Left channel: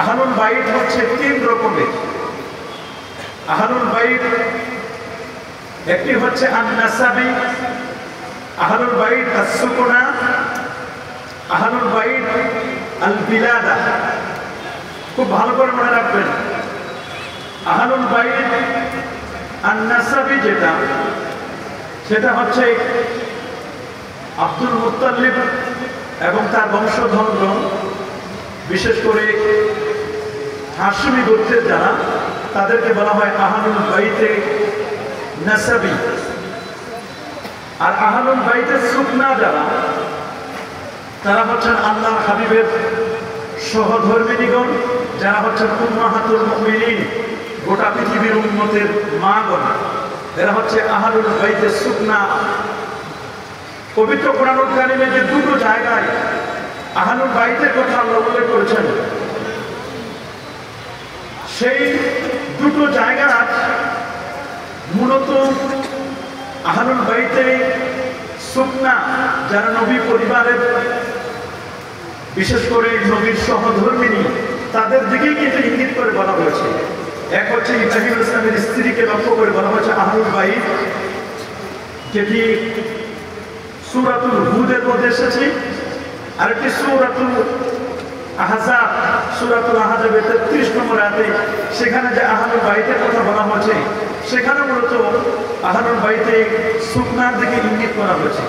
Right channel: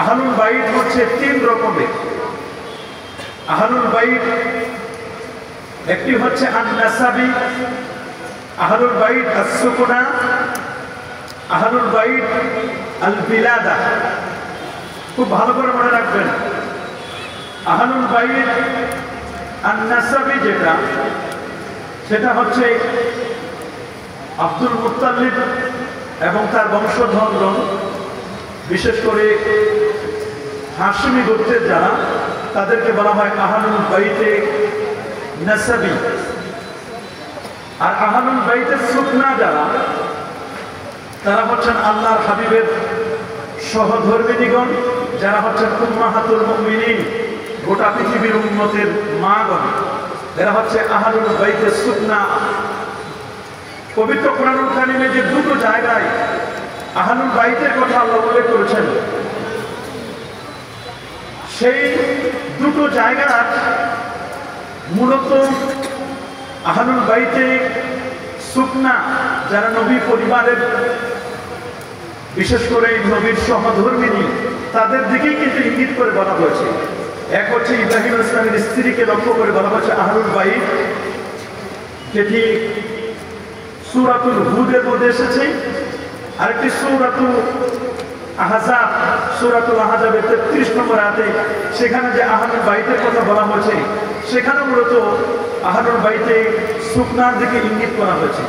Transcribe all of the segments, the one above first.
আহলুল বাইত হচ্ছে তিন রকমের। আহলুল বাইত একটি হচ্ছে আন-নাসাবী, আহলুল বাইত আস-সুকুনা, আহলুল বাইত আল-বিলাদা। খুব ভালো করে মনে রাখবেন, আহলুল বাইত আন-নাসাবী সেটা হচ্ছে আব্দুল মুত্তালিব এবং তার বংশধরগণ, বিশেষ করে হাশমি গোত্রের যারা, তাদেরকে বলা হয় আহলুল বাইতে নাসাবী। আর আহলুল বাইতে সুকনা যারা, তারা হচ্ছেন আল্লাহর হাবিবের সহধর্মিণীগণ, যারা হচ্ছেন উম্মাহাতুল মুমিনিন, গোটা পৃথিবীর উম্মতের মাগণ। এরা হচ্ছে আহলুল বাইতে সুকনা। পবিত্র কোরআনুল কারীমে যে দুটো জায়গায় আহলুল বাইতের কথা আল্লাহ উল্লেখ করেছেন, সেই দুটো জায়গা মূলত আহলুল বাইতে সুকনা, যারা নবী পরিবারের, বিশেষ করে নবীর সহধর্মিণী, তাদের দিকেই কিন্তু ইঙ্গিত করে বলা হয়েছে। এক হচ্ছে ইব্রাহিম ইসলামের স্ত্রীকে লক্ষ্য করে বলা হয়েছে আহলুল বাইত, যেটি সূরাতুল হুদের মধ্যে এসেছে। আরেকটি সূরাতুল আহজাব, সূরাতুল আহজাবের 33 নম্বর আয়াতে সেখানে যে আহলুল বাইতের কথা বলা হয়েছে, সেখানে মূলত আহলুল বাইতে সুকনার দিকে ইঙ্গিত করা হয়েছে।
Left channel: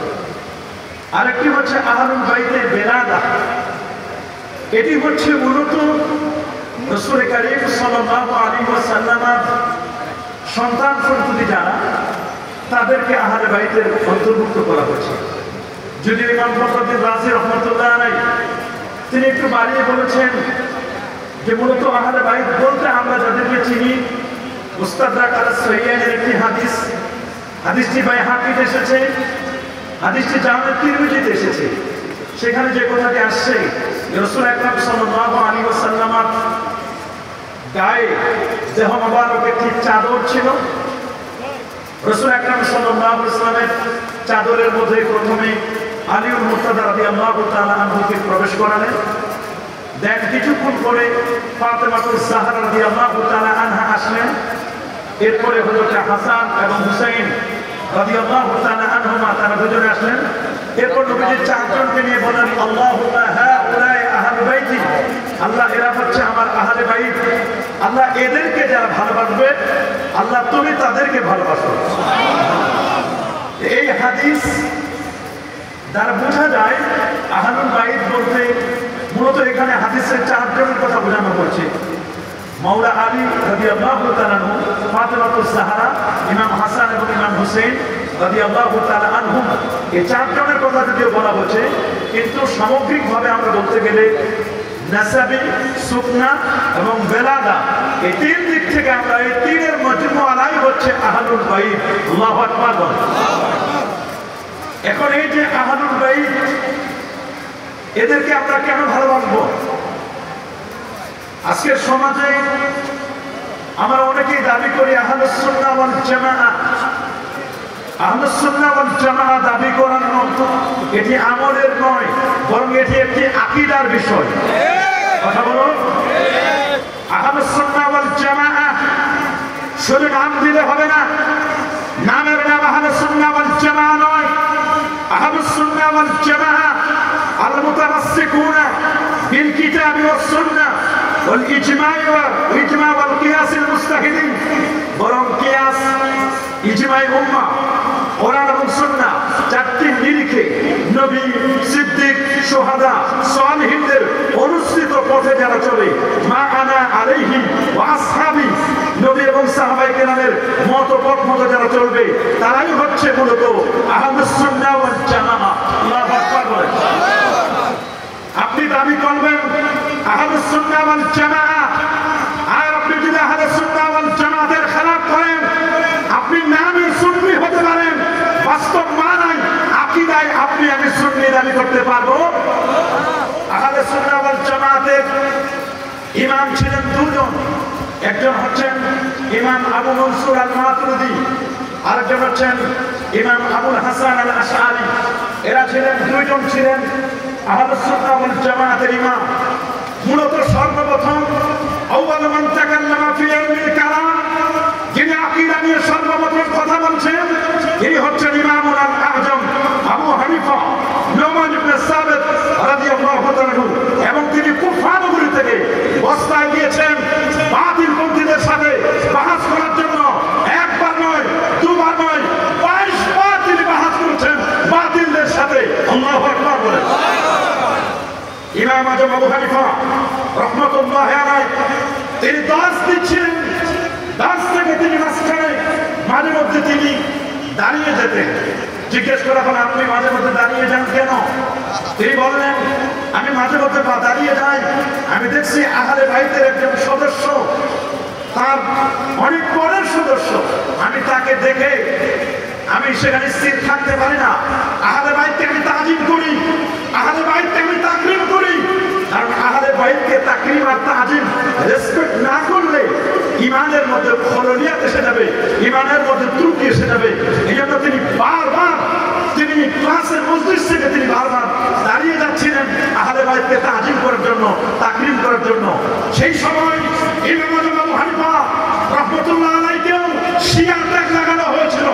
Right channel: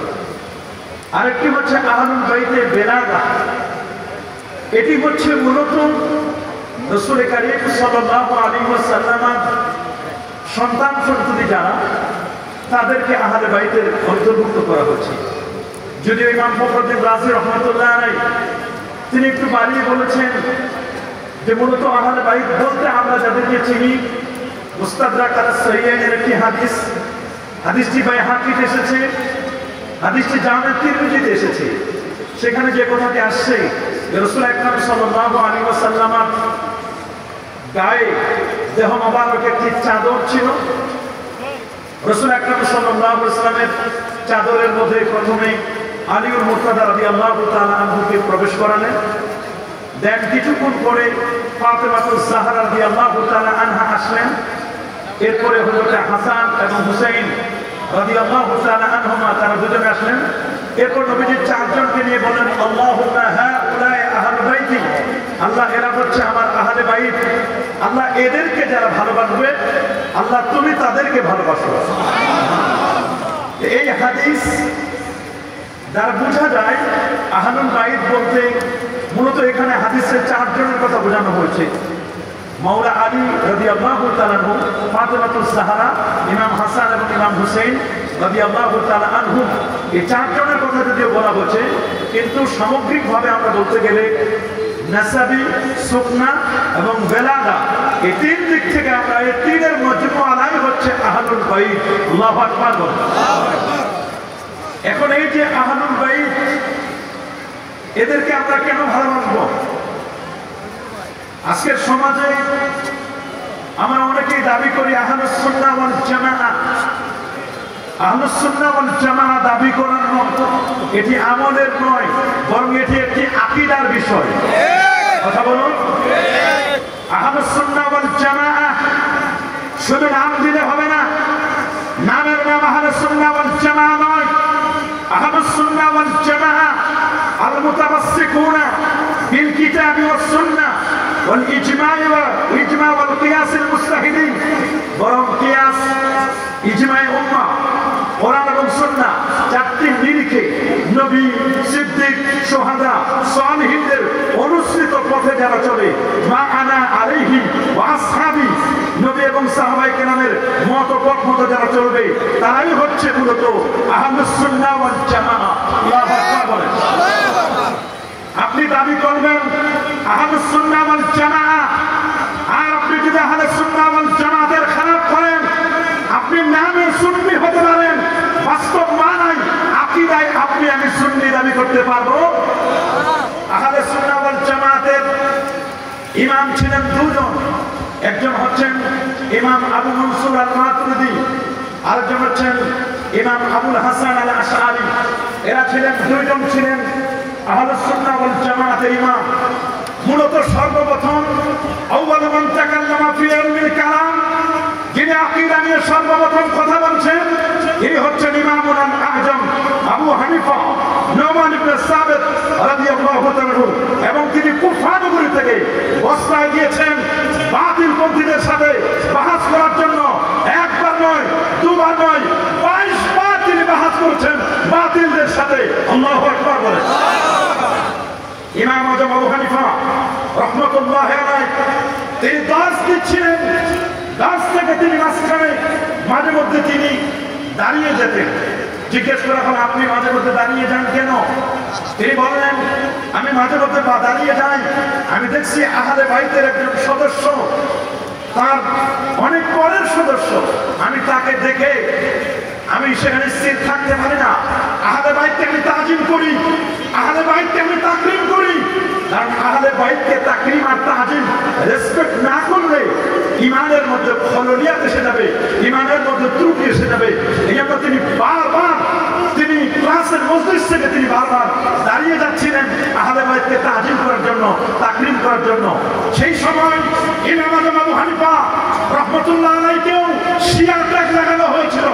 আরেকটি হচ্ছে আহলুল বাইতে বেলাদা। এটি হচ্ছে মূলত রাসূল কারীম সাল্লাল্লাহু আলাইহি ওয়াসাল্লামের সন্তান সন্ততি যারা, তাদেরকে আহলে বাইতের অন্তর্ভুক্ত করা হয়েছে। যদিও ইমাম ফখরুদ্দীন রাজি রাহমাতুল্লাহ আলাইহি তিনি একটু বাড়িয়ে বলেছেন যে মূলত আহলে বাইত বলতে আমরা যাদেরকে চিনি, মুস্তাদরাক আস-সাহিহাইনের একটি হাদিসটি বাইহাকিতে এসেছে, হাদিসটি জামে তিরমিজিতে এসেছে। সেখানে যে কথাটি আসছে, রাসূল আকরাম সাল্লাল্লাহু আলাইহি ওয়াসাল্লামের গায়ে দেহ মোবারক একটি চাদর ছিল। রাসূল আকরাম সাল্লাল্লাহু আলাইহি ওয়াসাল্লামের চাদরের মধ্যে প্রথমে আলীউল মুর্তাদা রাদিয়াল্লাহু তাআলা আনহুকে প্রবেশ করালেন। দেন কিছুক্ষণ পরে ফাতেমাতুজ জাহরা রাদিয়াল্লাহু তাআলা আনহা আসলেন। এরপরে হযরত হাসান এবং হুসাইন রাদিয়াল্লাহু তাআলা আনহুমা, তারা দুজনে আসলেন। এরপর নবীজি চারজনকে নিয়ে বলেন, আল্লাহুম্মা হাউলাই আহলে বাইতি, আল্লাহ এরা হচ্ছে আমার আহলে বাইত, আল্লাহ এদেরকে যারা ভালোবাসবে, আল্লাহ তুমি তাদেরকে ভালোবাসো। এই হাদিস দ্বারা বোঝা যায় আহলুল বাইত বলতে মূলত এখানে হাদিসের চারজনের কথা বোঝানো হয়েছে। মাওলা আলী রাদিয়াল্লাহু তাআলা আনহু, ফাতেমাতুজ জাহরা, ইমাম হাসান এবং ইমাম হুসাইন রাদিয়াল্লাহু তাআলা আনহুম, এই চারজনের কথা যদিও বলা হচ্ছে, কিন্তু সামগ্রিকভাবে আমরা বলতে গেলে নাসাবী, সুকনা এবং বেলাদা, এই তিন দিক থেকে আমরা এই তিনের মজমুআলাই হচ্ছে আহলুল বাইত। আল্লাহু আকবার। এখন এই যে আহলুল বাইত, এদেরকে আমরা কেন ভালোবাসবো? আজকের সমাজে আমরা অনেকেই দাবি করি আহলুস সুন্নাহ ওয়াল জামাআহ। আহলুস সুন্নাহ ওয়াল জামাআহ দাবি করার মতো এটি আমলের নয়, বরং এটি একটি আকীদার বিষয়। কথা বলুন। আহলুস সুন্নাহ ওয়াল জামাআহ শুধু নাম দিলে হবে না, নামের নাম আহলুস সুন্নাহ ওয়াল জামাআহ নয়। আহলুস সুন্নাহ ওয়াল জামাআহ আল মুতামাসসিকুনা বিল কিতাবি ওয়াস সুন্নাহ ওয়াল ইজমা ওয়াল কিয়াস আল মুস্তাহিদিন, বরং কিয়াস, ইজমায়ে উম্মাহ, কোরআন এবং সুন্নাহ, চারটি নিরিখে নবী, সিদ্দিক, শুহাদা, সালিহিনদের অনুসৃত পথে যারা চলে, মা আনা আলাইহি ওয়া আসহাবি, নবী এবং সাহাবায়ে কেরামের মতপথ মতো যারা চলবে, তারাই হচ্ছে মূলত আহলুস সুন্নাহ ওয়াল জামাআহ। আল্লাহু আকবার। আপনি দাবি করবেন আহলুস সুন্নাহ ওয়াল জামাআহ, আর আপনি যদি আহলুস সুন্নাহ ওয়াল জামাআতের খেলাফ করেন, আপনি নামে সুন্নি হতে পারেন, বাস্তব মানায় আকীদায় আপনি আমি সুন্নি দাবি করতে পারবো? আহলুস সুন্নাহ ওয়াল জামাআতের ইমাম ছিলেন দুজন। একজন হচ্ছেন ইমাম আবু মনসুর আল মাতুরিদি, আরেকজন হচ্ছেন ইমাম আবুল হাসান আল আশআরী। এরা দুইজন ছিলেন আহলুস সুন্নাহ ওয়াল জামাআতের ইমাম। মূলত সর্বপ্রথম সর্বপ্রথম কথা বলছেন তিনি হচ্ছেন ইমামুল আজম আবু হানিফা নুমান ইবনে সাবিত রাদিয়াল্লাহু তাআলা, এবং তিনি কুফা নগরী থেকে বসরায় গিয়েছেন বাতিলপন্থীদের সাথে বাহাস করার জন্য। একবার নয়, দুবার নয়, 22 বার তিনি বাহাস করেছেন বাতিলদের সাথে। আল্লাহু আকবার বলেন। ইমাম আজম আবু হানিফা রাহমাতুল্লাহি আলাইহি তিনি দাস দিচ্ছিলেন, দাস থেকে তিনি মাঝখানে মাঝে মধ্যে তিনি দাঁড়িয়ে যেতেন। জিজ্ঞেস করা হলো, আপনি মাঝে মধ্যে দাঁড়িয়ে যান কেন? তিনি বললেন, আমি মাঝে মধ্যে দাঁড়িয়ে যাই, আমি দেখছি আহলে বাইতের একজন সদস্য, তার অনেক পরের সদস্য, আমি তাকে দেখে আমি সেখানে স্থির থাকতে পারি না। আহলে বাইতকে আমি তাজিম করি, আহলে বাইতকে আমি তাকরিম করি, কারণ আহলে বাইতকে তাকরিম আর তাজিম রেসপেক্ট না করলে ইমানের মধ্যে খললিয়াত এসে যাবে, ইমানের মধ্যে ত্রুটি এসে যাবে। এই জন্য তিনি বারবার তিনি ক্লাসের মজলিস থেকে তিনি বারবার দাঁড়িয়ে যাচ্ছিলেন আহলে বাইতকে তাজিম করার জন্য, তাকরিম করার জন্য। সেই সময় ইমাম আজম আবু হানিফা রাহমাতুল্লাহ আলাইহিকেও শিয়া ট্যাগ লাগানো হয়েছিল।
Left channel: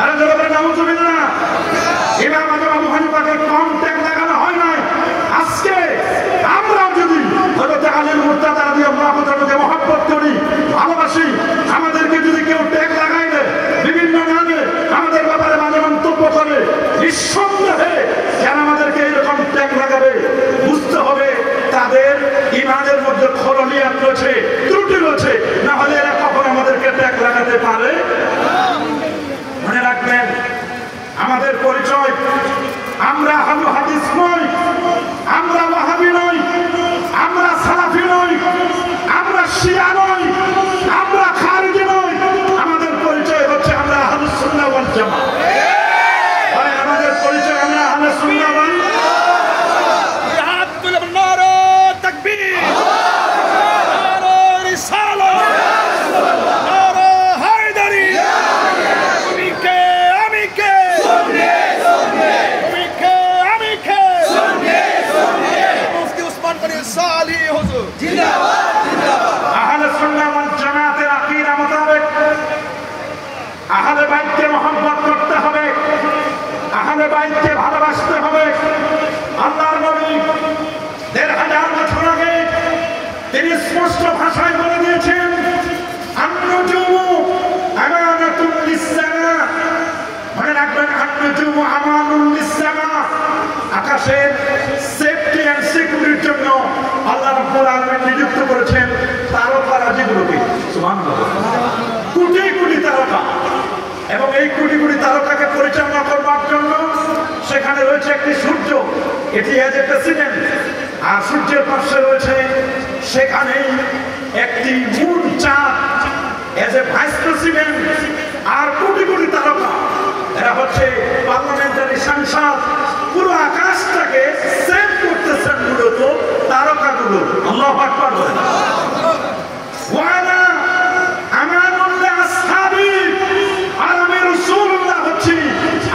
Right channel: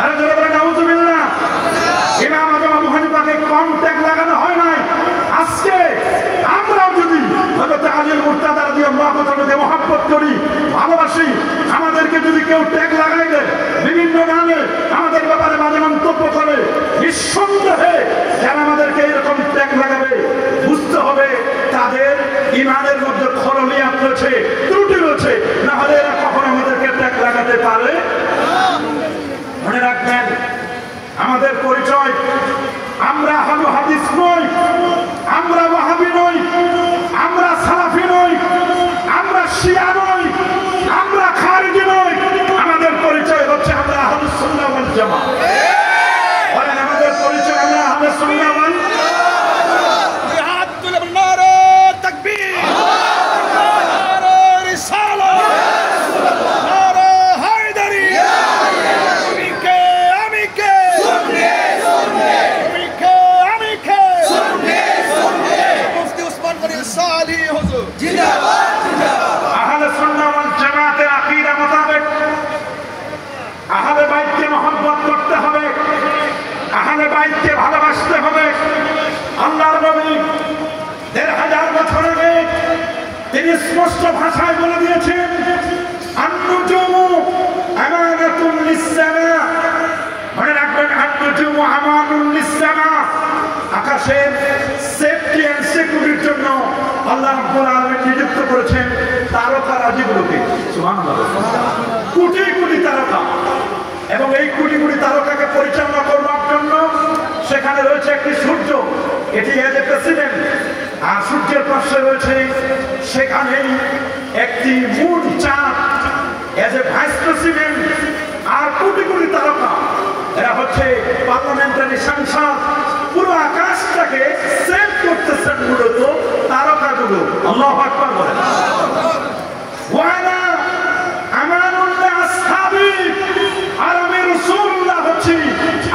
আরে জোরে বলেন নাউযুবিল্লাহ। ইমাম আজম আবু হানিফাকে কম ট্যাগ লাগানো হয় নাই। আজকে আমরাও যদি হযরত আলীর মুর্তাজা রাদিয়াল্লাহু তাআলাকে মহব্বত করি, ভালোবাসি, আমাদেরকে যদি কেউ ট্যাগ লাগাই দেয়, বিভিন্ন নামে আমাদের ব্যাপারে মাঝে মন্তব্য করে, নিঃসন্দেহে যারা আমাদেরকে এরকম ট্যাগ লাগাবে বুঝতে হবে তাদের ইমানের মধ্যে খললিয়াত রয়েছে, ত্রুটি রয়েছে, না হলে এরা কখনো আমাদেরকে ট্যাগ লাগাতে পারে। মনে রাখবেন, আমাদের পরিচয়, আমরা আহলে হাদিস নই, আমরা ওয়াহাবি নই, আমরা সালাফি নই, আমরা শিয়া নই, আমরা খারিজি নই। আমাদের পরিচয় হচ্ছে আমরা আহলুস সুন্নাহ ওয়াল জামাত। বলেন, আমাদের পরিচয় আমরা আহলুস সুন্নাহ ওয়াল জিহাদ তুল নারে তাকবীর, নারে রিসালাত, নারে হায়দারি, তুমি কে আমি কে, তুমি কে আমি কে, মুফতি উসমান গনি সালি হুজুর জিন্দাবাদ, জিন্দাবাদ। আহলে সুন্নাহ ওয়াল জামাতের আকীদা মোতাবেক আহলে বাইতকে মহব্বত করতে হবে, আহলে বাইতকে ভালোবাসতে হবে। আল্লাহর নবী ১৫০০ বছর আগে তিনি স্পষ্ট ভাষায় বলে দিয়েছেন, আন-নুজুমু আমানাতুন লিস-সামা। মনে রাখবেন, আন-নুজুমু আমানুন লিস-সামা। আকাশের সেফটি এন্ড সিকিউরিটির জন্য আল্লাহ রাব্বুল আলামিন নিযুক্ত করেছেন তারকারাজিগুলোকে। সুবহানাল্লাহ। কোটি কোটি তারকা, এবং এই কোটি কোটি তারকাকে পরিচালনা করবার জন্য সেখানে রয়েছে একটি সূর্য, এটি এজ এ প্রেসিডেন্ট, আর সূর্যের পাশে রয়েছে সেখানেই একটি মুন চাঁদ এজ এ ভাইস প্রেসিডেন্ট, আর কোটি কোটি তারকা, এরা হচ্ছে পার্লামেন্টারি সাংসদ। পুরো আকাশটাকে সেভ করতেছেন মূলত তারকাগুলো। আল্লাহু আকবার বলেন। ওয়ালা আমানুল্লাহ আসহাবি, আর আমি রাসূলুল্লাহ হচ্ছি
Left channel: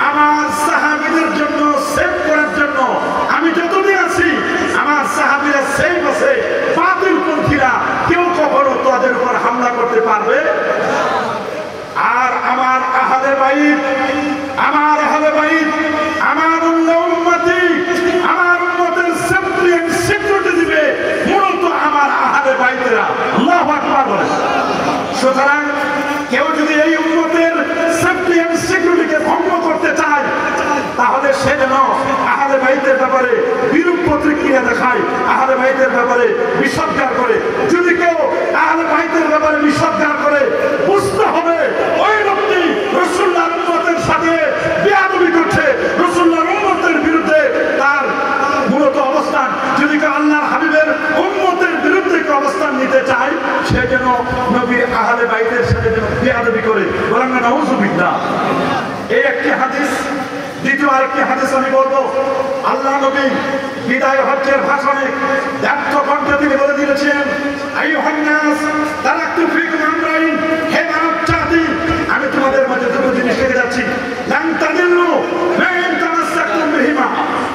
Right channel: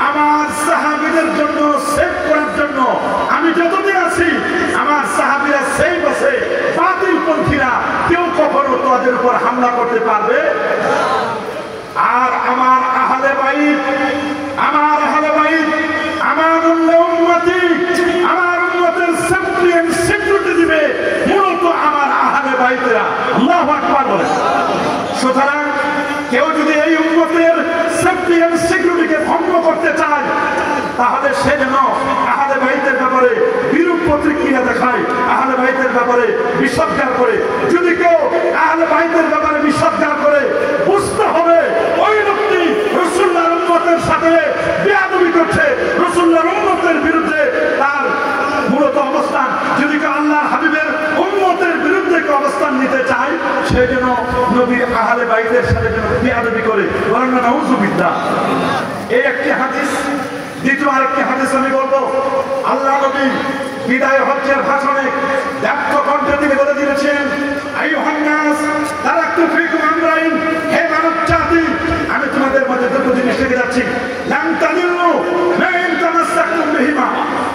আমার সাহাবীদের জন্য সেভ করার জন্য। আমি যতদিন আছি আমার সাহাবীরা সেভ আছে, বাতিলপন্থীরা কেউ কখনো তাদের উপর হামলা করতে পারবে। আর আমার আহলে বাইত, আমার আহলে বাইত, আমার উম্মতি, আমার উম্মতের সেফটি এন্ড সিকিউরিটি দিবে মূলত আমার আহলে বাইতেরা। আল্লাহু আকবার বলেন। সুতরাং কেউ যদি এই উম্মতের সেফটি এন্ড সিকিউরিটিকে ভঙ্গ করতে চায়, তাহলে সে যেন আহলে বাইতের ব্যাপারে বিরূপ প্রতিক্রিয়া দেখায়, আহলে বাইতের ব্যাপারে বিসর্জন করে। যদি কেউ আহলে বাইতের ব্যাপারে বিসর্জন করে, বুঝতে হবে ওই লোকটি রাসূলুল্লাহর উম্মতের সাথে বেয়াদবি করছে, রাসূলুল্লাহর উম্মতের বিরুদ্ধে তার মূলত অবস্থান। যদি কেউ আল্লাহর হাবিবের উম্মতের বিরুদ্ধে অবস্থান নিতে চায়, সে যেন নবীর আহলে বাইতের সাথে যেন বেয়াদবি করে। বলেন না নাউযুবিল্লাহ। এই একটি হাদিস। দ্বিতীয় আরেকটি হাদিস আমি বলবো, আল্লাহ নবী বিদায় হজ্জের ভাষণে ব্যক্ত কণ্ঠে তিনি বলে দিয়েছেন, আইয়ুহান নাস তারাকতু ফীকুম আমরাইন, হে মানব জাতি, আমি তোমাদের মধ্যে দুটো জিনিস রেখে যাচ্ছি। লান তাদিল্লু মা ইন তামাসসাকতুম বিহিমা,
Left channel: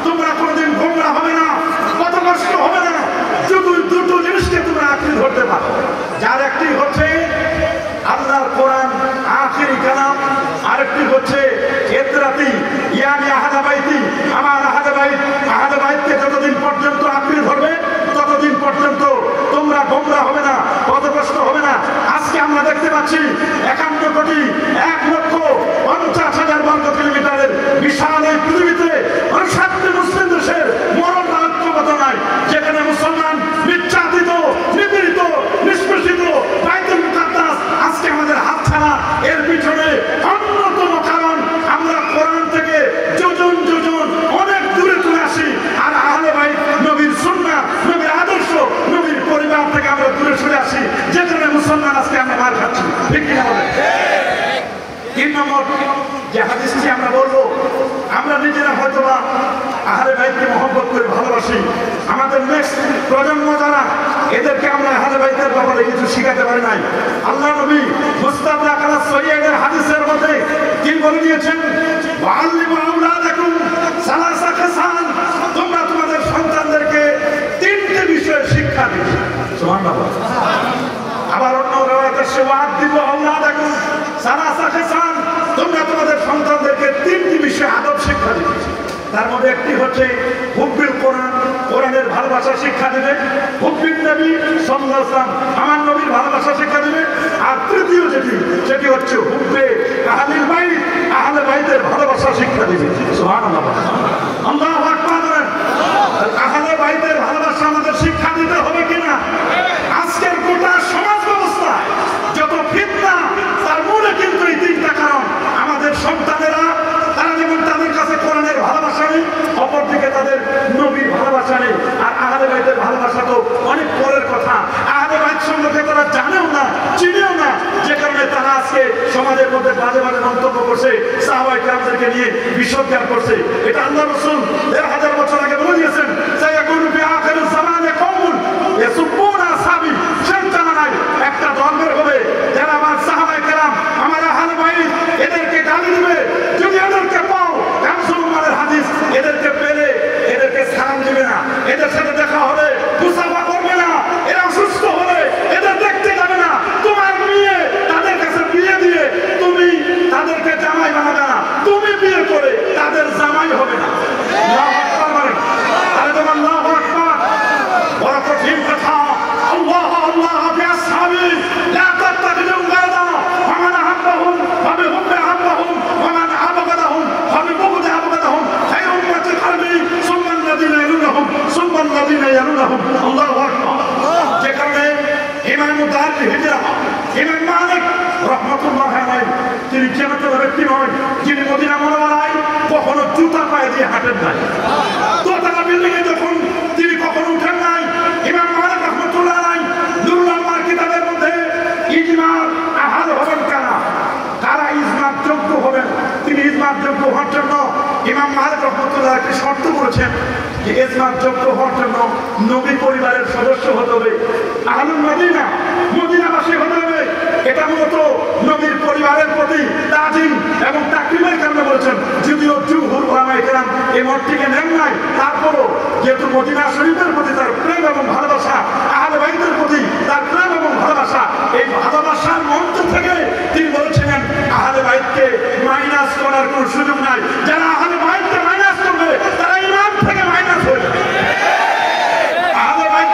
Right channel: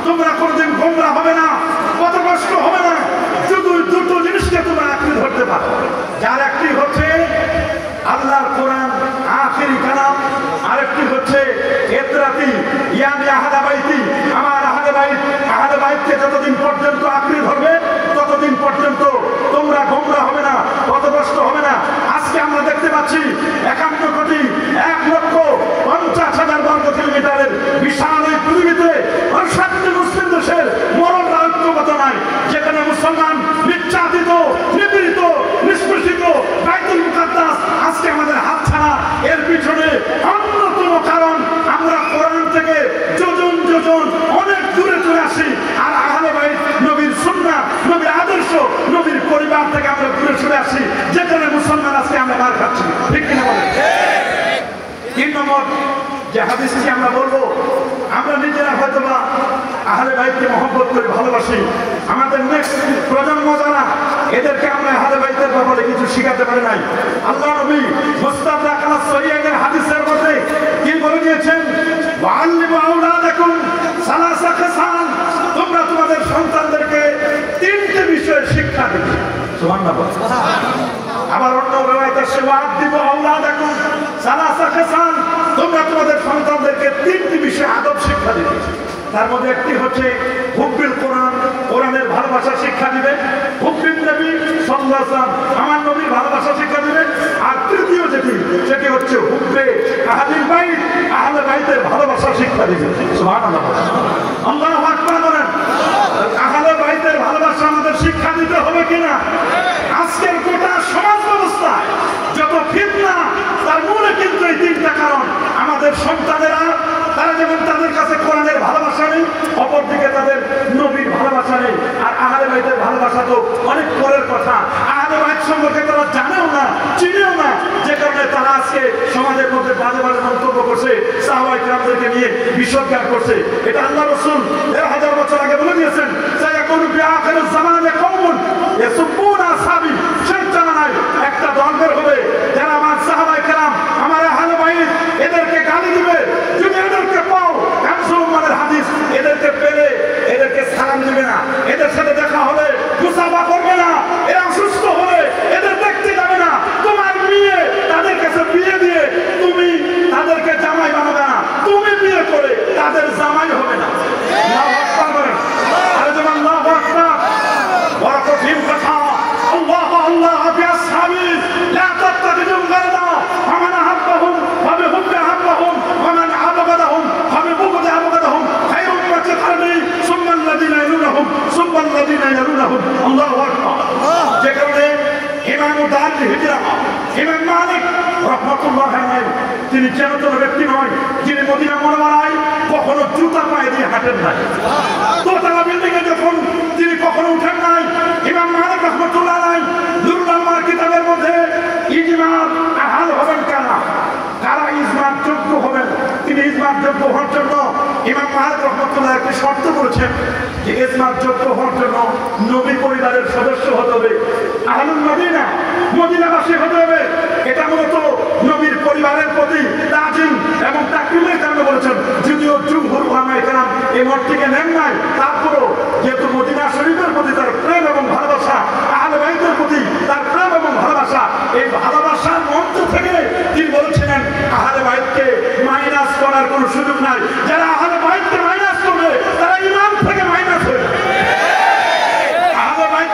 তোমরা কোনোদিন গোমরাহ হবে না, পথভ্রষ্ট হবে না, শুধু দুটো জিনিসকে তোমরা আঁকড়ে ধরতে পারো। যার একটি হচ্ছে আল্লাহর কোরআন পাচ্ছি 51,51,50,000 বর্গ কিলোমিটারের বিশাল এই পৃথিবীতে 7টি মুসলিম দেশের মরণ ঐক্যবদ্ধ নাই, যেখানে মুসলমান নির্যাতিত, নিপীড়িত, নিষ্পেষিত। বাইতুল মুকাদ্দাস আজকে আমাদের হাতছাড়া। এর পিছনে অন্যতম কারণ আমরা কোরআন থেকে যোজন যোজন অনেক দূরে চলে আসি, আর আহলে বাইত নবীর সুন্নাহ, নবীর আদর্শ, নবীর পরিবার থেকে আমরা দূরে চলে আসি, যেখানে মুসলমান আজকে আমরা মার খাচ্ছি। ঠিক কিনা বলেন? 3 নম্বর যে হাদিসটি আমরা বলবো, আমরা নিজেরা হয়তো বা আহলে বাইতকে মহব্বত করে ভালোবাসি, আমাদের নেক্সট প্রজন্ম যারা, এদেরকে আমরা আহলে বাইতের ব্যাপারে কিছু শিখাতে পারি নাই। আল্লাহ নবী মুস্তাদরাক আলা সহিহাইনের হাদিসের মধ্যে কি বলে দিয়েছেন? ওয়াআল্লিমু আওলাদাকুম সালাসা খিসাল, তোমরা তোমাদের সন্তানদেরকে 3টি বিষয়ে শিক্ষা দিবে। সুবহানাল্লাহ। আবার অন্য রাওয়ায়াতে আছে ওয়াআদ্দিবু আওলাদাকুম সালাসা খিসাল, তোমরা তোমাদের সন্তানদেরকে 3টি বিষয়ে আদব শিক্ষা দিবে। তার মধ্যে একটি হচ্ছে হুব্বুল কোরআন, কোরআনের ভালোবাসা শিক্ষা দিবে। হুব্বুন নবী সাল্লাল্লাহু আলাইহি ওয়াসাল্লাম, আমার নবীর ভালোবাসা শিক্ষা দিবে। আর তৃতীয় সেটি হচ্ছে হুব্বে আহলিল বাইত, আহলে বাইতের ভালোবাসা শিক্ষা দিবে। সুবহানাল্লাহ। আল্লাহু আকবার বলেন। আহলে বাইতের ভালোবাসা আমাদের শিক্ষা দিতে হবে কিনা? আজকের গোটা সমাজ ব্যবস্থায় যত ফিতনা, তার মূলে কিন্তু এই 3টা কারণ। আমাদের সন্তানেরা, তারা যেমন তাদের কাছে কোরআনের ভালোবাসা নেই, অপরদিকে তাদের নবীর ভালোবাসা নেই। আর আহলে বাইতের ভালোবাসা তো অনেক পরের কথা। আহলে বাইত সম্পর্কে তারা জানেও না, চিনেও না, যে কারণে তারা আজকে সমাজের মধ্যে বাজে বাজে মন্তব্য করছে, সাহাবায়ে কেরামদেরকে নিয়ে বিশ্বজ্ঞান করছে। এটা আল্লাহ রাসূল 1000 বছর আগে বলে দিয়েছেন, সায়াকুনু ফি আখিরিজ জামানে কওমুন ইয়াসুবুনা আসহাবি, শেষ জামানায় একটা দল বের হবে যারা আমার সাহাবায়ে কেরাম, আমার আহলে বাইত, এদেরকে গালি দিবে। যদি এদেরকে পাও, কামসুমানের হাদিস, এদেরকে পেলে এদেরকে সালাম দিবে না, এদের সাথে দেখা হবে মুসাফা করবে না, এরা অসুস্থ হলে এদের দেখতে যাবে না। তোমার মেয়ে তাদের কাছে বিয়ে দিয়ে তুমি তাদেরকে জামাই বানাবে না, তুমি বিয়ে করে তাদের জামাই হবে না। আল্লাহু আকবার বলেন। আরে যেমন আল্লাহু আকবার, বড় কঠিন কথা। আল্লাহ আল্লাহ ফি আসহাবি লা তাত্তাখিযু গায়রা ওয়া মান আহাব্বাহুম ওয়া বিহুব্বি আহাব্বাহুম ওয়া মান আবগাদাহুম ওয়া বিবুগদি আবগাদাহুম খায়রু উম্মতি কারনি সুম্মা আল্লাযিনা ইয়ালুনাহুম সুম্মা আল্লাযিনা ইয়ালুনাহুম। আল্লাহু আকবার। যে কারণে ইমাম দারুল হিজরা ইমাম মালিক রাহমাতুল্লাহ আলাইহি, তিনি চেতন ব্যক্তি নয়, যিনি মদিনা মুনাওয়ারায় কখনো জুতা পায়ে দিয়ে হাঁটেন নাই, দোতলা বিল্ডিং এ যখন তিনি কখনো উঠেন নাই। ইমাম মালিক রাহমাতুল্লাহ আলাইহি নুরুল আনওয়ার কিতাবের মধ্যে ইজমার আহাল হবেন কারা, কারা ইজমার যোগ্য হবেন, তিনি ইজমার যোগ্য হওয়ার জন্য ইমাম মালিক রাহমাতুল্লাহ একটি শর্ত করেছেন যে ইজমার যোগ্য হওয়ার জন্য নবী পরিবারের সদস্য হতে হবে, আহলুল মদিনা, মদিনাবাসী হতে হবে। এটা মূলত নবীর পরিবারের প্রতি তাজিম এবং তাকরীমের কারণে বলেছেন। যদিও জুমহুর উলামায়ে কেরাম এই মতটিকে নেন নাই, তারপরও যেহেতু মদিনা শরীফের প্রতি তার প্রেম এবং ভালোবাসা, আহলে বাইতের প্রতি তার প্রেম এবং ভালোবাসা, এই ভালোবাসার মঞ্চ থেকে তিনি বলেছিলেন আহলে বাইতকে মাইনাস করার কোনো সুযোগ নাই। যারা আহলে বাইতকে মাইনাস করবে তারা ঈমান থেকে মাইনাস হয়ে যাবে। আহলে বাইত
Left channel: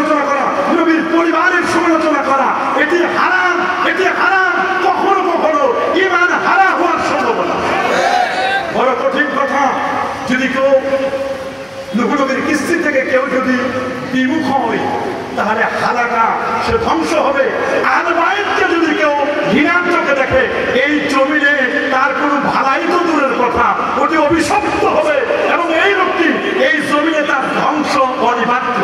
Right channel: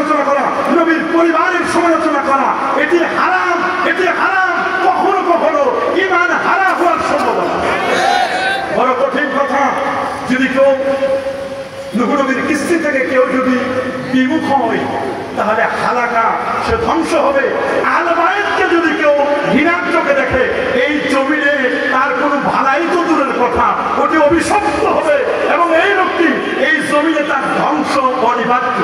সমালোচনা করা, নবীর পরিবারের সমালোচনা করা, এটি হারাম, এটি হারাম। কখনো কখনো ঈমান হারা হওয়ার সম্ভাবনা। বড় কঠিন কথা। যদি কেউ নবীর কিস্তি থেকে কেউ যদি বিমুখ হয় তাহলে হালাকা, সে ধ্বংস হবে। আহলে বায়তকে যদি কেউ ঘৃণার চোখে দেখে এই জমিনে তার কোনো ভালাই তো দূরের কথা, ওটি অভিশপ্ত হবে এবং এই লোকটি এই জমিনে তার ধ্বংস অনিবার্য।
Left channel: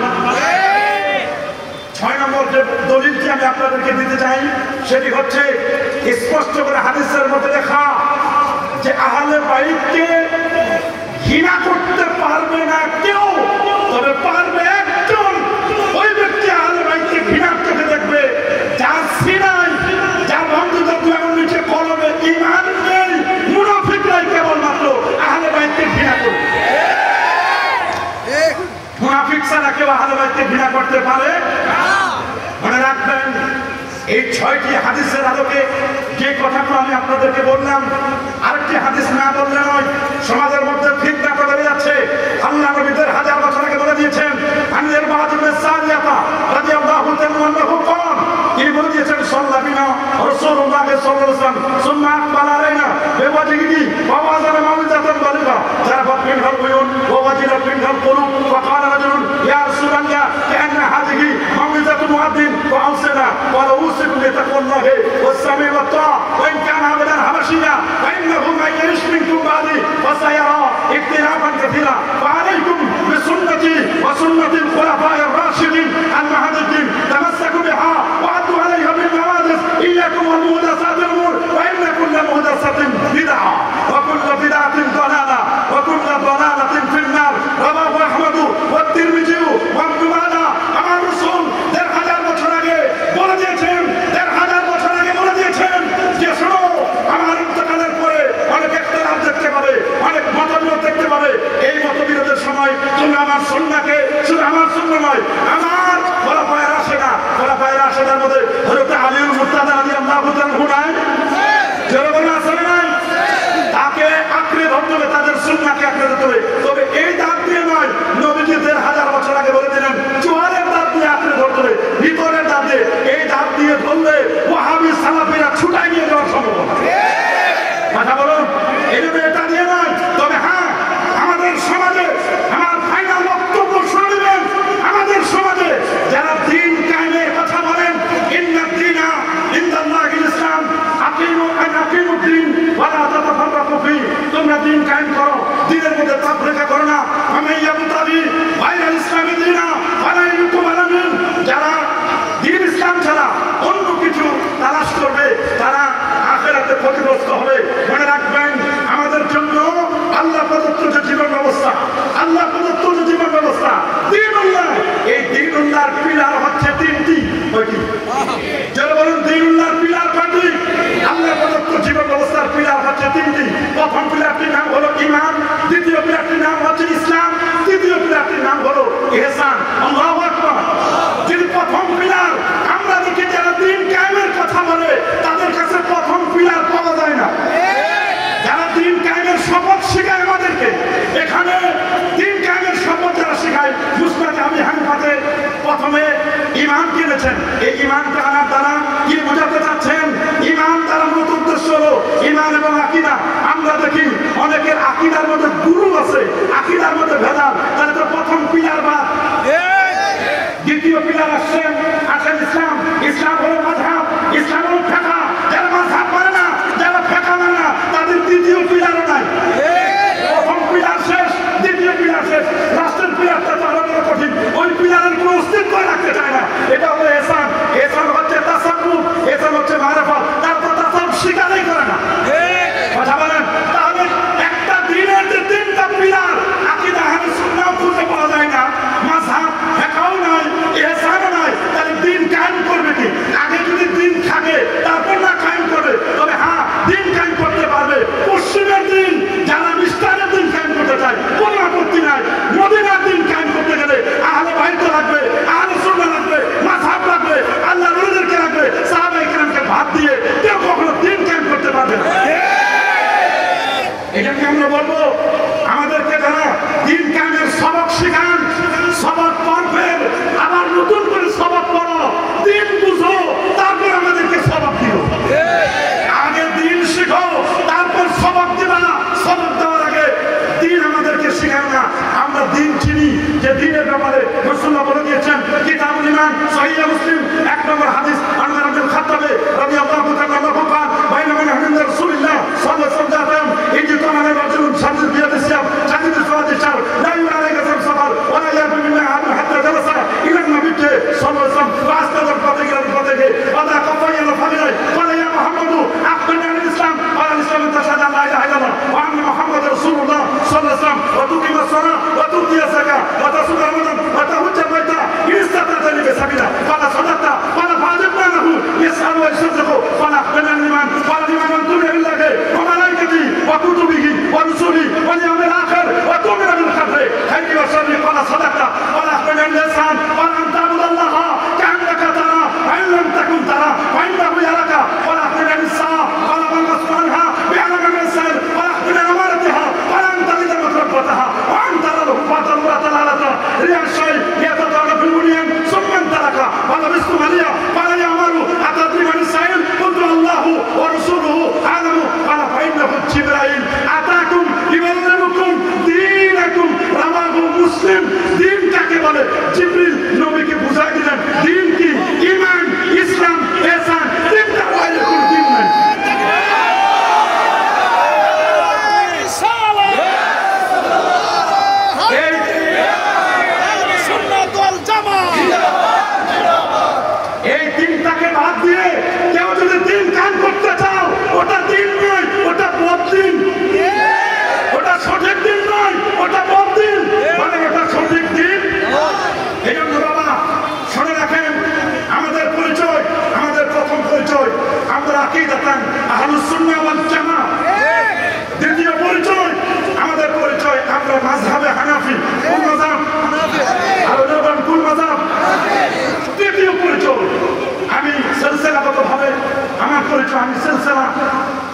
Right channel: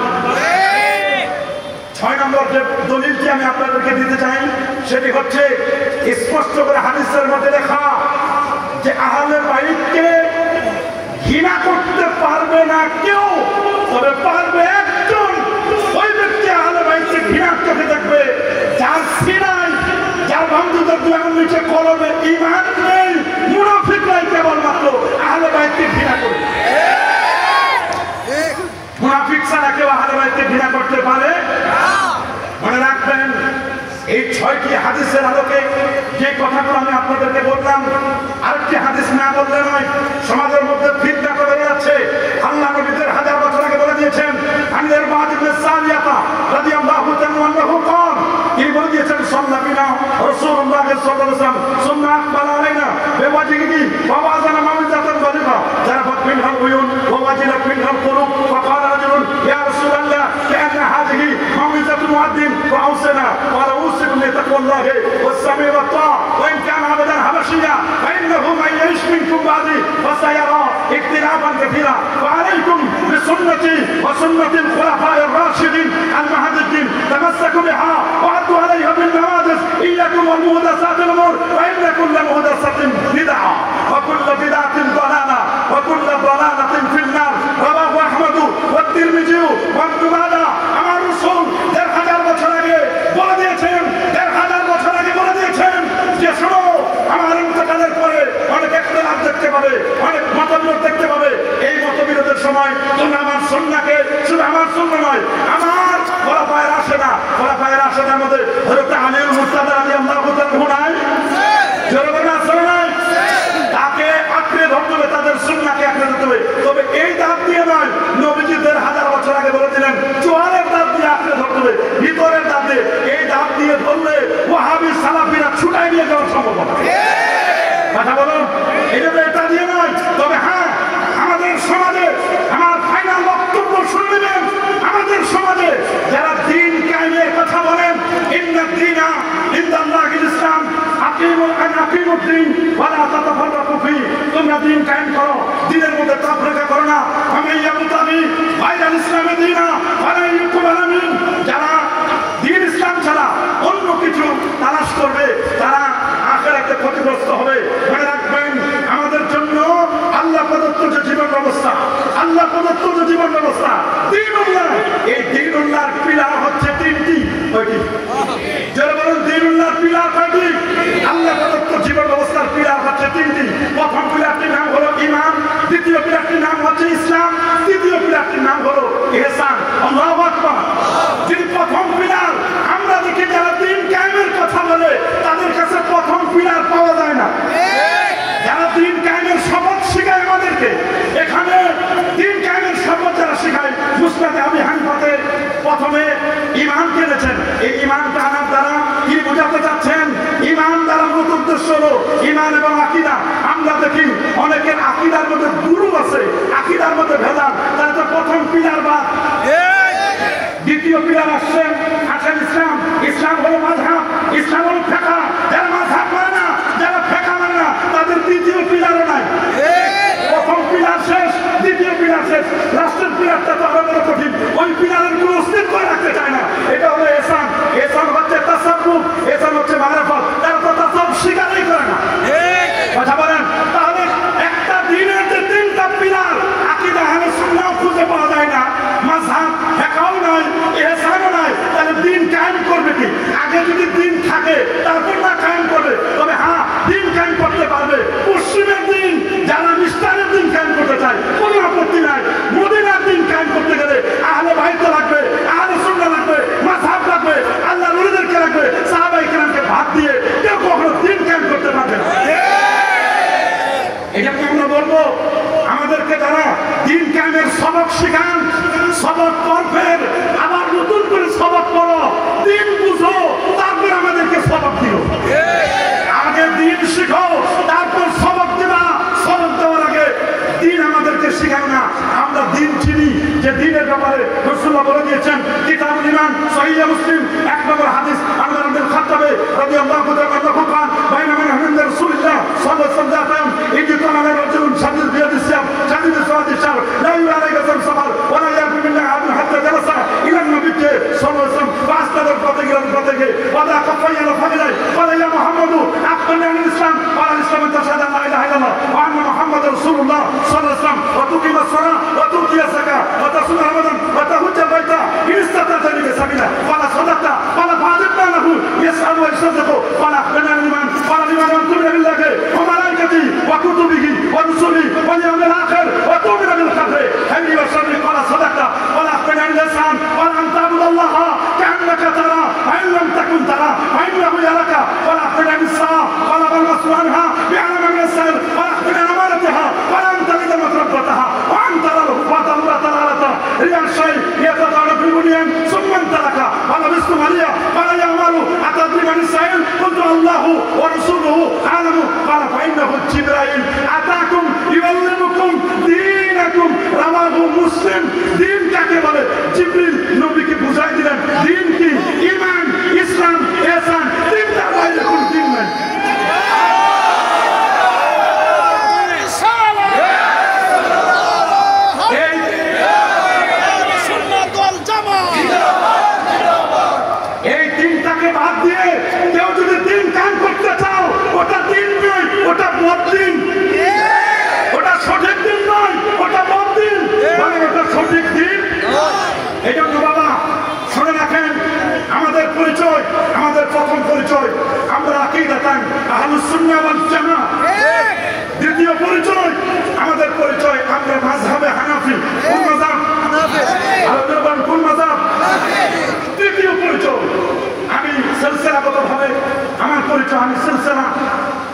6 নম্বর যে দলিলটি আমি আপনাদেরকে দিতে চাই সেটি হচ্ছে স্পষ্ট করে হাদিসের মধ্যে লেখা যে আহলে বায়তকে ঘৃণা করতে পারবে না কেউ, তবে পারবে একজন। ওই ব্যক্তি আহলে বায়তকে ঘৃণার চোখে দেখবে যার সিনায়, যার বন্ধুদের দুয়ার নিচে কলবে ঈমান নেই। মুনাফিকরাই কেবলমাত্র আহলে বায়তকে ঘৃণা করবে। মুনাফিক ছাড়া কেউ আহলে বায়তকে ঘৃণা করতে পারে না। মনে রাখবেন, এই 6টি হাদিসের আলোকে যে কথাগুলো আমি আপনাদেরকে বললাম, আরেকটি হাদিস না বললে নয়। সমাজের মধ্যে ফিতনা করে যাচ্ছে। আল্লাহ নবীদের 1000 বছর আগে বলে দিয়েছেন, আমির বাদ ইবনে সারিয়াতা রাদিয়াল্লাহু তাআলা আনহু قال, তিনি বলে দিয়েছেন সাল্লাল্লাহু রাসূলুল্লাহ সাল্লাল্লাহু আলাইহি ওয়াসাল্লাম সুন্নাহ আকবাল আলাইনা বিওয়াজিহি ফাওয়াজানা মাউজাতান দালিকা জারাফাত মিনহাল উয়ুন ওয়া ওয়াজিলাত মিনহাল কুলুব ফাকাল রাজুলুন ইয়া রাসূলাল্লাহ কান্না হাযিহি মাউজাতু মুআদ্দিন ফাউসিনা ওয়া লাউসিকুম বিতাকওয়াল্লাহি ওয়াস-সামি ওয়াত-তা'a ওয়া ইন কানা আবাদান হাবাশিয়া ফাইন্নাহু মান ইয়া'iশ মিনকুম বা'দি ফাসায়ারা ইখতিলাফান কাসীরা ওয়া আলাইকুম বিসুন্নতি ওয়া সুন্নাতিল খুলাফা'ir রাশিদিন আল-মাহদিয়্যিন তামাসসাকু বিহা ওয়া আদু আলাইহা বিন নাওয়াজিস ইয়্যাকুম ওয়া মুহদাসাতিল উমুর ওয়া ইন্না কুল্লা মুহদাসাতিন বিদআহ ওয়া কুল্লা বিদআতিন দালালা ওয়া কুল্লা দালালাতিন ফিন-নার রাওয়াহু আহমদ ওয়া তিরমিজি ওয়া ইবনে মাজাহ। আমার রাসূল 1000 বছর আগে বলে দিয়েছেন, 1000 বছর আগে বলে দিয়েছেন যে শোনো, আমার ইন্তেকালের পরে অনেক ইখতিলাফ দেখতে পাবে, অনেক মতবিরোধ দেখতে পাবে। এই মতবিরোধের সময় তুমি আমার সুন্নাহকে, শুধু আমার সুন্নাহ নয়, আমার খোলাফায়ে রাশিদা, খোলাফায়ে রাশিদার মধ্যে হযরত আলীউল মুর্তাদা রাদিয়াল্লাহু তাআলা আনহু নাই? জনগণ আছে নাই? তাকে আঁকড়ে ধরতে হবে, তাদের সুন্নাহকে আঁকড়ে ধরতে হবে। তবে এই দাঁত দিয়ে নয়, নবীজি 1000 বছর আগে বলে দিলেন জোয়ারের দাঁত দিয়ে আঁকড়ে ধরতে হবে, ভিতরের দাঁত দিয়ে। এই দাঁত দিয়ে ধরলে ওয়াহাবি সালাফিরা ছুটাই নিয়ে যাওয়ার সম্ভাবনা। কথা বলুন, এই জন্য এটা দিয়ে নয়। তবে হ্যাঁ, আমাদের সমাজে, আমার ফাইনাল বক্তব্য শুনবেন, আমাদের সমাজে যারা দ্বীন কায়েমের কথা বলেন, ইন্না চিনি যে দ্বীনের ব্যাপারে রাসূলুল্লাহ বলে দিয়েছেন কিতাবুল ঈমান সহিহ মুসলিম 1 নম্বর হাদিস আনওয়ার ইবনে খাত্তাবে রাদিয়াল্লাহু তাআলা আনহু قال بينما عند رسول الله صلى الله عليه وسلم إذ طلع رجل شديد بيد السيف شديد سواد الشعر لا يرى عليه قدم سفر ولا يأتي بالله عبد حتى جلس إلى النبي صلى الله عليه وسلم فأسند الفتح إلى الفتح وضع كفيه إلى فخذه قال يا محمد أخبرني عن الإسلام قال الإسلام أن تشهد أن لا إله إلا الله وأن محمد رسول الله صلى الله عليه وسلم وتقيم الصلاة وتؤتي الزكاة وتصوم رمضان وتحج البيت إن استطعت إليه سبيلا قال صدقت قال فعجبنا له يسأل ويصدق قال أخبرني عن الإيمان قال الإيمان أن تؤمن بالله وملائكته وكتبه ورسله واليوم الآخر وتؤمن بالقدر خيره وشره قال صدقت قال أخبرني عن الإحسان قال أن تعبد الله كأنك تراه وإن لم تكن تراه فإنه يراك قال أخبرني عن الصلاة قال والمسؤول عنها بأعلم من السائل قال أخبرني عن أمانتها قال أن تلد متربتها وأن ترى الهباط الله تعالى رياء الشيء يتطالب في البنيان ثم انطلق قال لبست مليا قال يا عمر أتدري من السائل قلت الله ورسوله أعلم قال فإنه جبرائيل أتاكم يعلمكم دينكم رواه مسلم دين কাকে বলে জিবরিল নবীকে বুঝাই দিলেন দিন কি ঈমান ইসলাম ইহসান তিনটা বাইরে কোন দিন নাই এই দিনটাকে বাদ দিয়ে কেউ যদি দিন কায়েম করতে চাও ওটা দিন নয় ওটা বদদিন ওটা সঠিক দিন নয় ওটা বদদিন মানে ওটা সঠিক দিন এই জন্য বাবা শুনে রাখেন আমাদের পরিচয় আমাদের প্রথম পরিচয় আমরা আকীদাতান আহলুস সুন্নাহ ওয়াল জামাআহ দ্বিতীয় পরিচয় আমাদের পরিচয় আমরা মাযহাবে হানাফি কোন মাযহাব কোন মাযহাব তৃতীয় পরিচয় আমি সিলসিলাগতভাবে আমার পরিচয় আমি সিলসিলা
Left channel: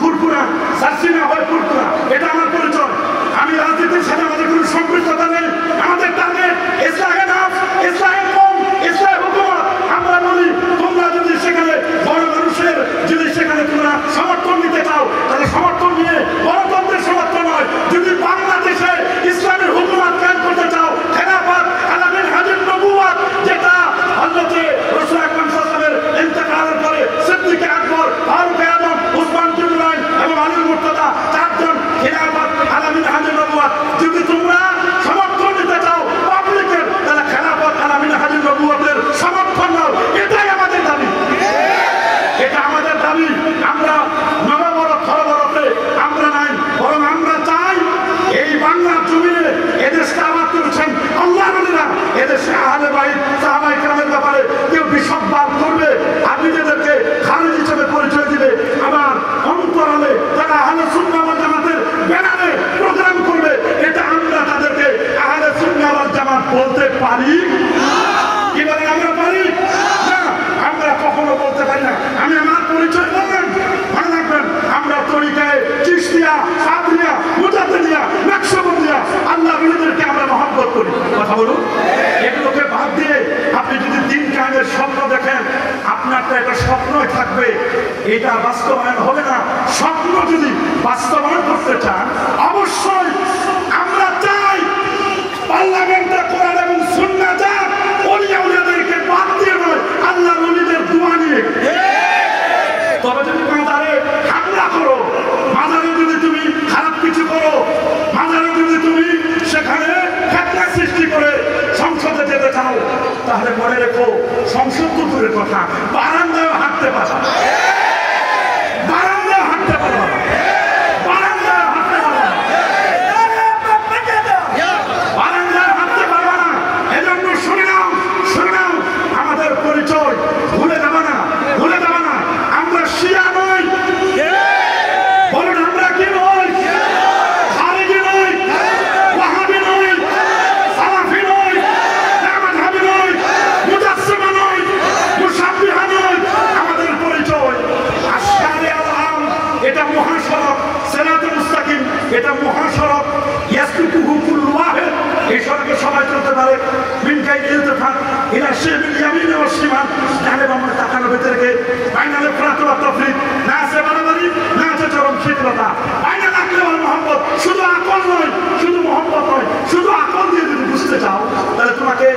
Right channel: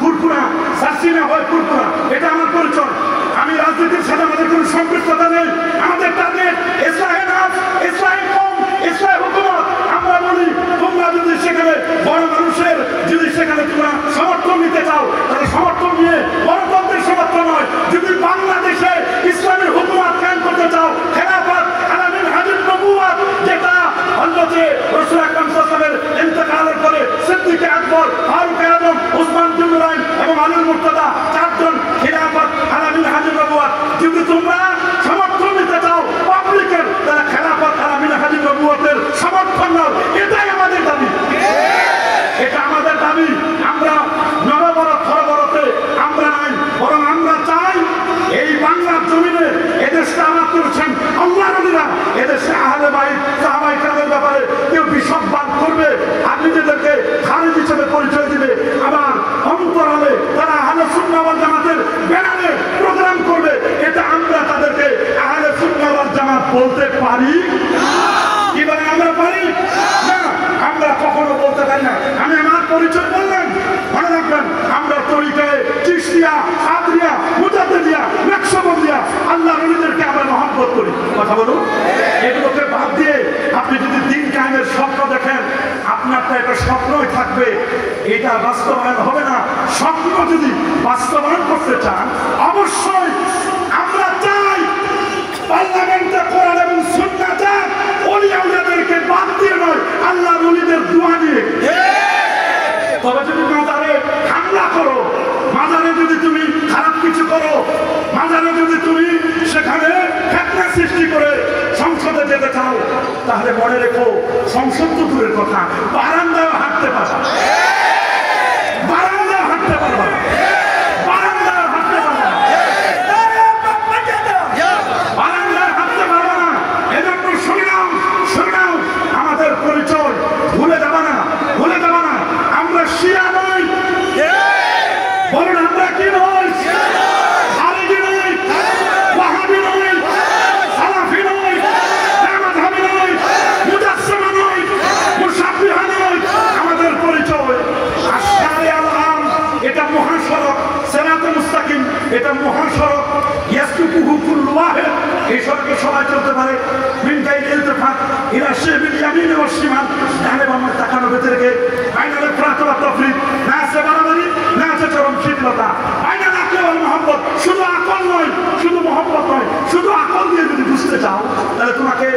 কুরকুরা সাসিনা হয় কুরকুরা এটা আমার পরিচয় আমি রাজনীতির সাথে আমাদের কোনো সম্পৃক্ততা নেই আমাদের টার্গেট ইসলামের নাম ইসলামের কম ইসলামের হুকুমত আমরা বলি তোমরা যদি সেখানে বড় মানুষের যদি সেখানে তোমরা সমর্থন নিতে চাও তাহলে সমর্থন নিয়ে গণতন্ত্রের সমর্থন নয় যদি বাংলাদেশে ইসলামের হুকুমত কায়েম করতে চাও খেলাফত আলা মিনহাজুন নবুওয়াত যেটা হযরত রাসূল আকরাম সাল্লাল্লাহু আলাইহি ওয়াসাল্লামের ইন্তেকালের পরে সিদ্দিক আকবর ফারুক আযম উসমান বিন নুরাইন এবং আলী মুর্তজা চারজন খেলাফত আলা মিনহাজুন নবুওয়াত যদি তোমরা সমর্থন নিতে চাও পাবলিকের তাহলে খেলাফত আলা মিনহাজুন নবুওয়াতের সমর্থন নাও এটাই আমাদের দাবি এটা আমাদের দাবি আমরা নববরত খরবরতে আমরা নাই বরং আমরা চাই এই বাংলার জমিনে এদেশকে আবাদ করেছেন আল্লাহ নবীরা এদেশে আহলে বাইত সাহাবায়ে কেরামের ব্যাপারে কেউ বিশ্ববাদ করবে আর নিজেদেরকে খালিদ হিসেবে পরিচয় দিবে আবার অন্তরালে তারা আহলে সুন্নাহ ওয়াল জামাতের ব্যানারে প্রোগ্রাম করবে এটা আমরা তাদেরকে আহলে সুন্নাহ ওয়াল জামাত বলতে পারি কি বলেন আমরা পারি না আমরা কখনো বলতে পারি না আমি আমার পরিচয় বললাম মনে রাখবেন আমরা তরিকায় চিশতিয়া কাদরিয়া মুজাদ্দিদিয়া নকশবন্দিয়া আল্লাহ ওলিদেরকে আমরা মহব্বত করি কথা বলুন এগুলোকে বাদ দিয়ে আপনি যদি দিন কায়েমের স্বপ্ন দেখেন আপনার তো একটা স্বপ্নই থাকবে এটা বাস্তবায়ন হবে না স্বপ্ন যদি বাস্তবায়ন করতে চান অবশ্যই আমরা চাই পার্লামেন্টে কোরআন এবং সুন্নাহ যাক ওলিয়া উলিয়াদেরকে বাদ দিয়ে নয় আল্লাহ ওলিদের দোয়া নিয়ে তবে যদি মাজারে হামলা করো মাজারে যদি তুমি খারাপ কিছু করো মাজারে যদি তুমি সেখানে ফিতনা সৃষ্টি করে সংসদে যেতে চাও তাহলে মনে রেখো সংসদ তো দূরের কথা বারান্দায় হাঁটতে পারো বারান্দায় হাঁটতে পারো বারান্দায় হাঁটতে পারো বারান্দায় হাঁটতে পারো না এজন্য শুনে নাও আমাদের পরিচয় ভুলে যাবে না আমরা শিয়া নই বলুন আমরা কি নই খারিজি নই ওয়াহাবি নই সালাফি নই মাযহাবি নই মুজাসসিমা নই মুশাব্বিহা নই আমাদের পরিচয় আশকারে আলম এটা মহাসড়ক সিরাতে মুস্তাকিম এটা মহাসড়ক ইয়াসবিকুহু কুল্লু ওয়াহিদ এই সড়কে সবাই চলতে পারে মিন গায়রি ইলতিফাত ইলা শিবিল ইয়ামিন ওয়া শিমাল ডানে বামে তাকানো ভেতরে বাইনাল ইফরাত ওয়া তাফরিদ না আছে বাড়াবাড়ি না আছে চরম শীতলতা বাইনাল আকল ওয়াল মুহাব্বত শুধু আকল নয় শুধু মুহাব্বত নয় শুধু আকল দিয়ে যদি বুঝতে বুঝতে চাও তাহলে তোমাকে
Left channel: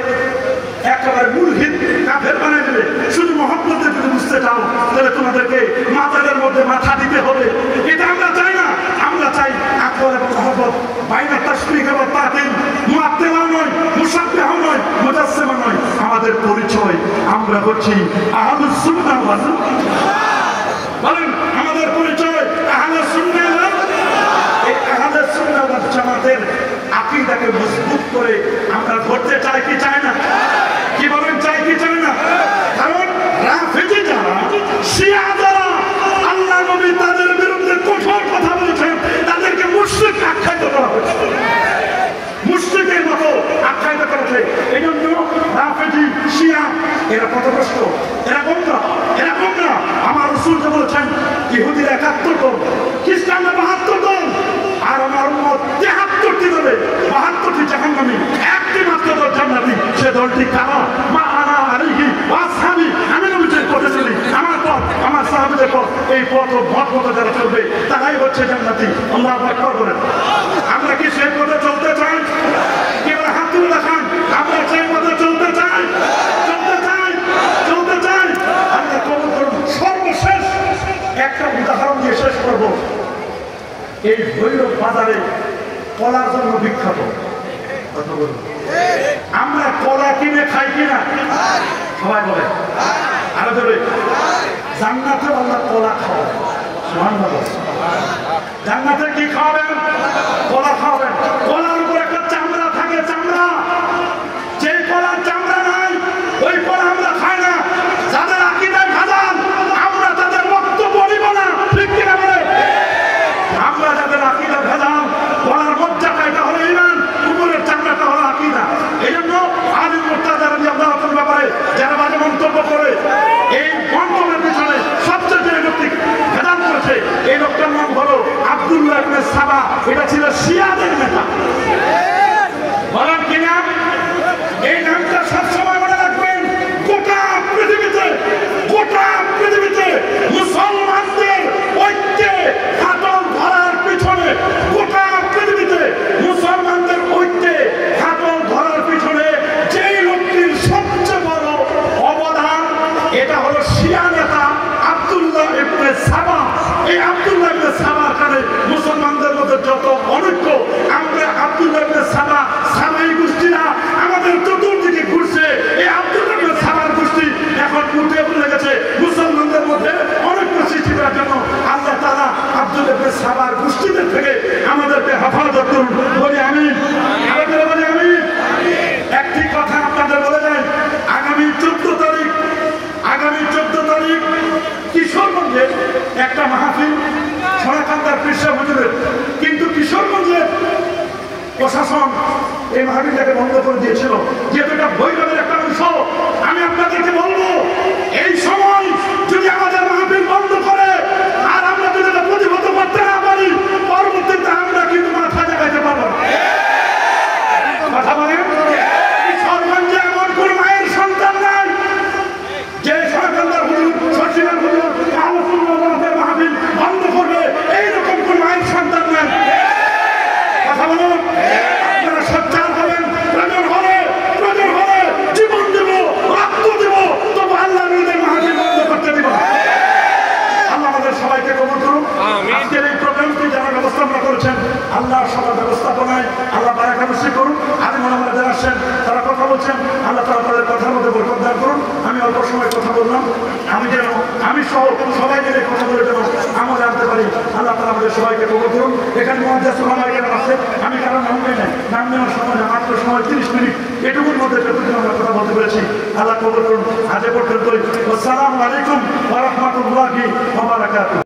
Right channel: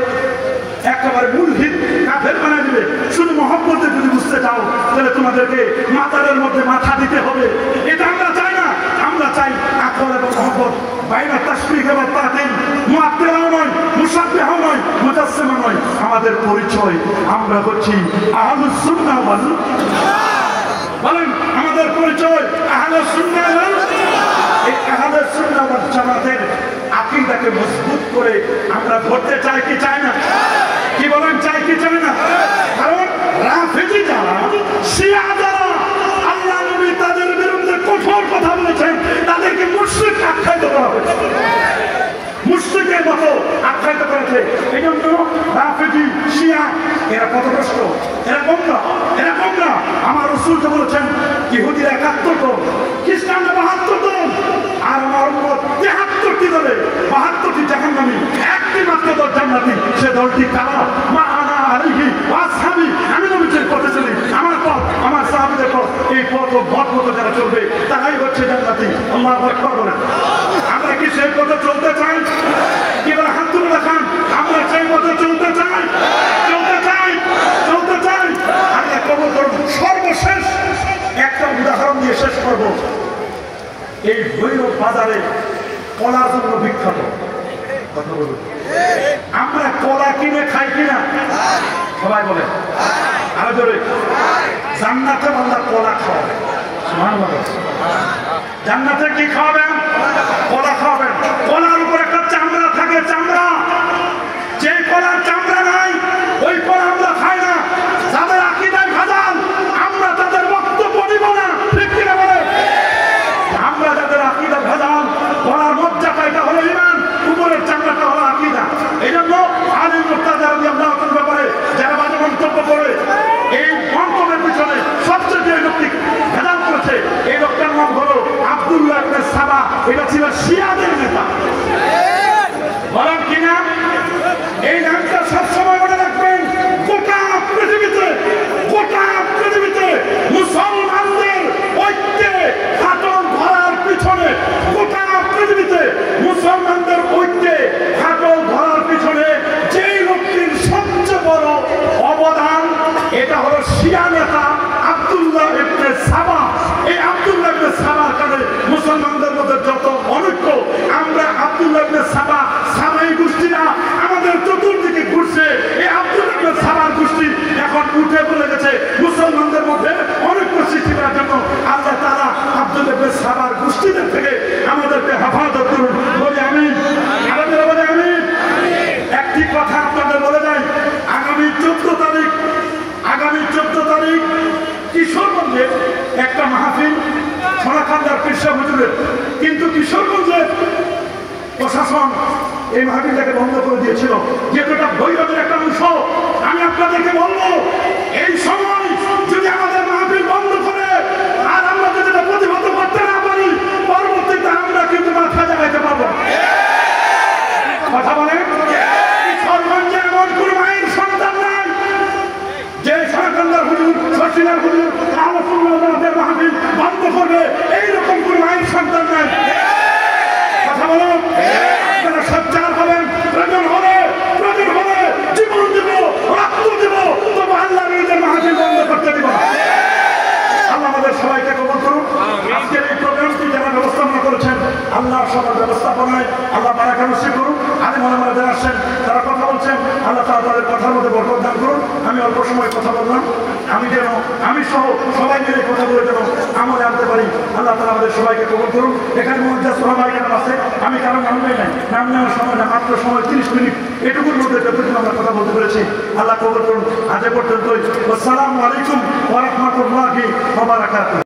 একেবারে মুলহিদ কাফের বানিয়ে দেবে। শুধু মহব্বতে যদি বুঝতে চাও তাহলে তোমাদেরকে মাথার মধ্যে মাথা দিতে হবে। এটা আমরা চাই না, আমরা চাই আকল এবং মহব্বত। বাইনা তাশবিহ এবং তাতিল, মুআত্তিলাও নয়, মুশাব্বিহও নয়, মুজাসসিমা নয়। আমাদের পরিচয় আমরা হচ্ছি আহলুস সুন্নাহ ওয়াল বলেন, আমাদের পরিচয় আহলুস সুন্নাহ ওয়াল। এই আহলুস সুন্নাহ ওয়াল জামাতের আকীদাকে মজবুত করে আমরা ধরতে চাই কি চাই না? কি বলেন, চাই কি চাই না? কারণ রাফেজি যারা, শিয়া যারা আল্লাহ নবী তাদের বিরুদ্ধে কঠোর কথা বলেছেন, তাদেরকে মুশরিক আখ্যায়িত করা হয়েছে, মুশরিকের মতো আখ্যায়িত করেছে। এই জন্য রাফেজি, শিয়া এরা পথভ্রষ্ট, এরা গোমরা, এরা গোমরা। আমার রাসূল যে বলেছেন ইহুদিরা ৭১ জন, খ্রিস্টানরা ৭২ জন, আর আমার উম্মত ৭৩টি দলে ৭২টি জাহান্নামী, একটি মাত্র দল জান্নাতি। সে দলটি কারা? মা আনা আলাইহি ওয়া আসহাবি, আমি নবীর পথে চলি, আমার পথ, আমার সাহাবীদের পথ। এই পথ ও পথ মতো যারা চলবে তারাই হচ্ছে জান্নাতি। আল্লাহু আকবার বলেন। আমরা কি সেই পথে চলতে চাই? কি বলে হাত তুলে দেখান, আমরা সেই পথে চলতে চাই, চলতে চাই, চলতে চাই। আমরা কবুল করব। সর্বশেষ একটা উদাহরণ দিয়ে শেষ করব। এই ভৈরব বাজারে কলার জন্য বিখ্যাত। কথা বলি, আমরা কলা কিনে খাই কিনা? সবাই বলে, আরো জোরে। জান্নাতে আল্লাহ কলা খাওয়াবেন। সুবহানাল্লাহ। জান্নাতে কি খাওয়াবেন? কলা খাওয়াবেন। কলার উপর একটা চামড়া থাকে, চামড়া। যে কলার চামড়া নাই ওই কলা আমরা খাই না। যাদের আকীদায় ভেজাল আমরা তাদের বক্তব্য নিব না, ঠিক কিনা বলে? আমরা যাদের আকীদায় ভেজাল, কলার মজ্জাটা এটা হলো ঈমান, কুকুরের চামড়াটা হলো আকীদা। এই জন্য আলী মুর্তাজা রাদিয়াল্লাহু আনহুর ব্যাপারে যারা বাজে মন্তব্য করে, এই মন্তব্যের পিছনে সবচেয়ে যে ব্যক্তি ভেজাল করেছে, এই লোকটার নাম হলো আব্দুল্লাহ ইবনে সাবা। এটা ছিল শিয়াদের নেতা। বলেন কি নাম? এই নামটা সবসময় মনে রাখবেন। গোটা পৃথিবীতে, গোটা পৃথিবীতে মুসলমানদের ঐক্যে ফাটল ধরার পিছনে, গোটা পৃথিবীতে মুসলমানদের ঐক্যে ফাটল ধরার পিছনে যে লোকটির সবচেয়ে বড় অবদান, এটা হলো শিয়া নেতা আব্দুল্লাহ ইবনে সাবা। এই আব্দুল্লাহ ইবনে সাবার কারণে মুসলমানদের মধ্যে যত অনৈক্য, আমরা আব্দুল্লাহ ইবনে সাবা, সাবাই গোষ্ঠীরা আমাদের চতুর্দিকে ঘুরছে। এই আব্দুল্লাহ ইবনে সাবার গোষ্ঠী এখন উঠে পড়ে গেছে মুসলমানদের মধ্যে অনৈক্য সৃষ্টি করার জন্য। আল্লাহ তাআলা আব্দুল্লাহ ইবনে সাবার গোষ্ঠীদের থেকে আমাদেরকে হেফাজত করুন। বলি আমিন, আমাদের বলি আমিন। একটি কথা আপনাদের বলে যাই, আগামী 14 তারিখ, আগামী 14 তারিখ কিশোরগঞ্জে একটা মাহফিল, সোনাকান্দার পীরসাহ হুজুরের। কিন্তু কিশোরগঞ্জের প্রশাসন এই মাহফিলটাকে বন্ধ করে দিয়েছিল, যেহেতু এটা ভৈরবের একটা অংশ। আমি আপনাদেরকে বলবো, এই সময় যদি আমাদের মাহফিল বন্ধ করে আর আমরা যদি এটা প্রতিহত করতে না পারি, পরবর্তীতে আমরা কিন্তু মাথা জাগাইতে পারবো না। কথা বলেন, কিশোরগঞ্জে এমন কোন মায়ের সন্তান নাই যে সোনাকান্দার হুজুর, শশীলার হুজুর, আমাদের মাহফিল বন্ধ করবে, এইরকম কোন মায়ের সন্তান নাই। কথা বলেন, আপনারা সচ্চার হবেন, প্রয়োজন হলে জীবন দেব, রক্ত দেব, তবু আল্লাহ নবীদের মাহফিল বন্ধ করতে দিব। আল্লাহ আমাদের সবাইকে কবুল করুন। আজকের এই প্রোগ্রামটি যারা ব্যবস্থাপনা করেছেন, আল্লাহ সবার ব্যবস্থাপনায় আল্লাহ বারাকা নসিব করুন। আলেম ওলামারা যারা আসছেন, তারা কথা বলছেন, আল্লাহ তাআলা তাদের কথার মধ্যে বরকত দান করুন। আমি অল্প সময় কথা বললাম, আমি সহ সবাই মিলে কথা বলে যেন আমলে আনতে পারি। আল্লাহ তাআলা আমাদের সবাইকে কবুল করুন। এখানে মুহাদ্দিস ওলামা কেরাম আছে, আমি কারণ নাম নেই নাই, নাম নেওয়ার সময় না, মাত্র সময় 30 মিনিট, এটুকুর মধ্যে যতটুকু আমরা কথা বলতে পেরেছি আল্লাহ কবুল করুন। আজ পর্যন্তই। আসসালামু আলাইকুম ওয়া রাহমাতুল্লাহি ওয়া বারাকাতুহু।